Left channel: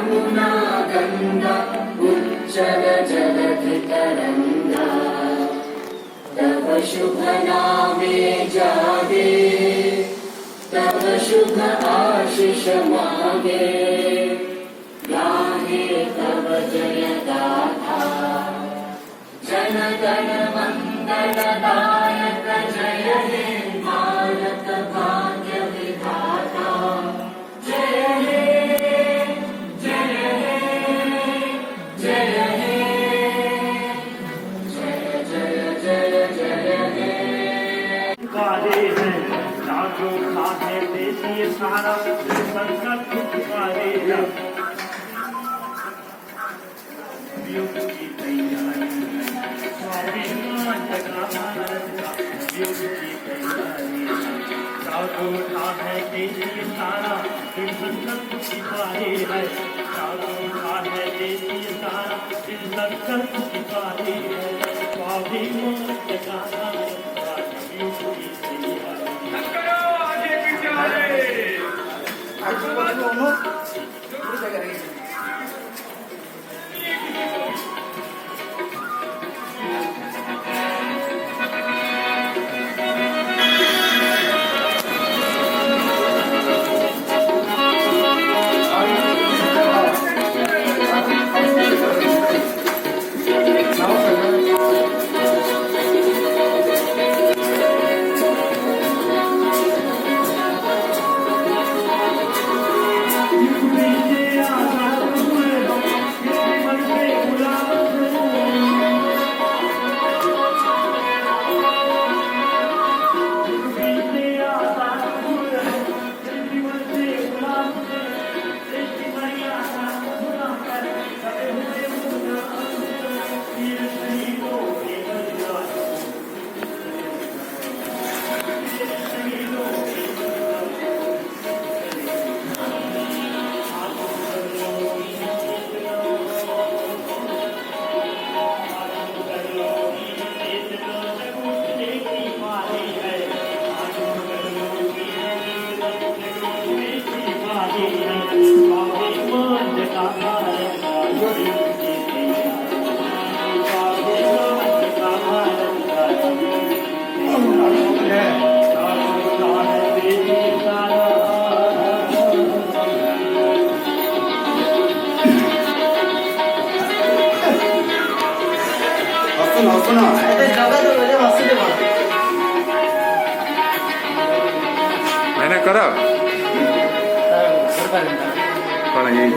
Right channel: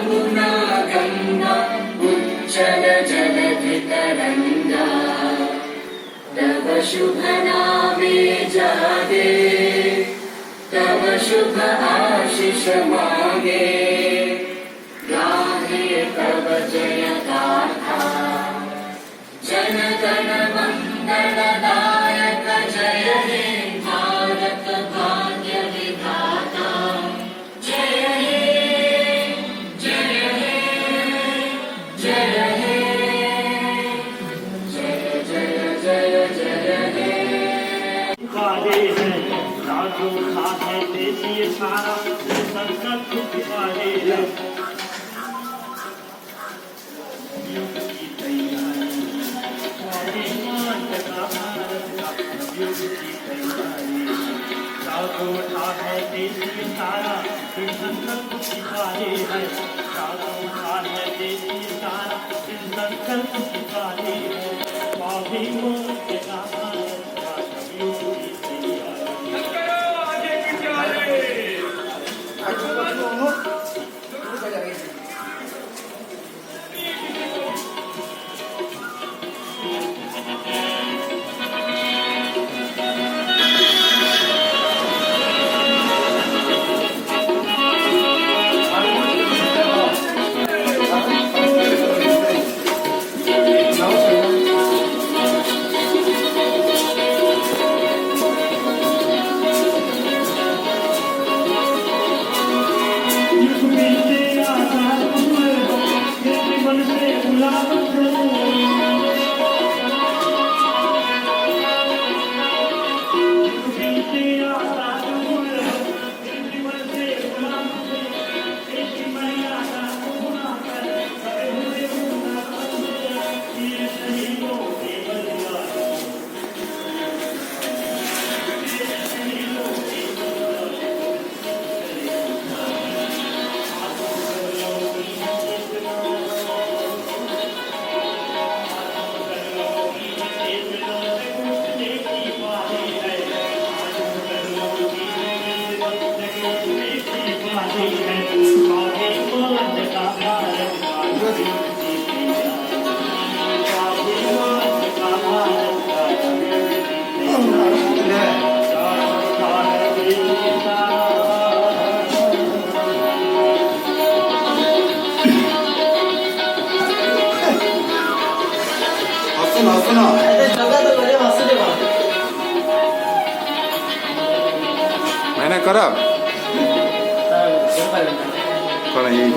यमुना गंगा उच्चल जलधितरंगा तव शुभ नामे जागे तव शुभ आशीष मांगे गाहे तव जय गाथा जन गण मंगलदायक जय हे भारत भाग्य विधाता जय हे जय हे जय हे जय जय जय जय हे वाले हैं लाखों खाते देसी सारा संकट दुख वाले हैं युग की तैयारी स्वाभिमान का भारत युग की तैयारी लाखों खाते देसी सारा संकट दुख वाले हैं लाखों खाते देसी सारा संकट दुख वाले हैं स्वाभिमान का मैंने करा कौन है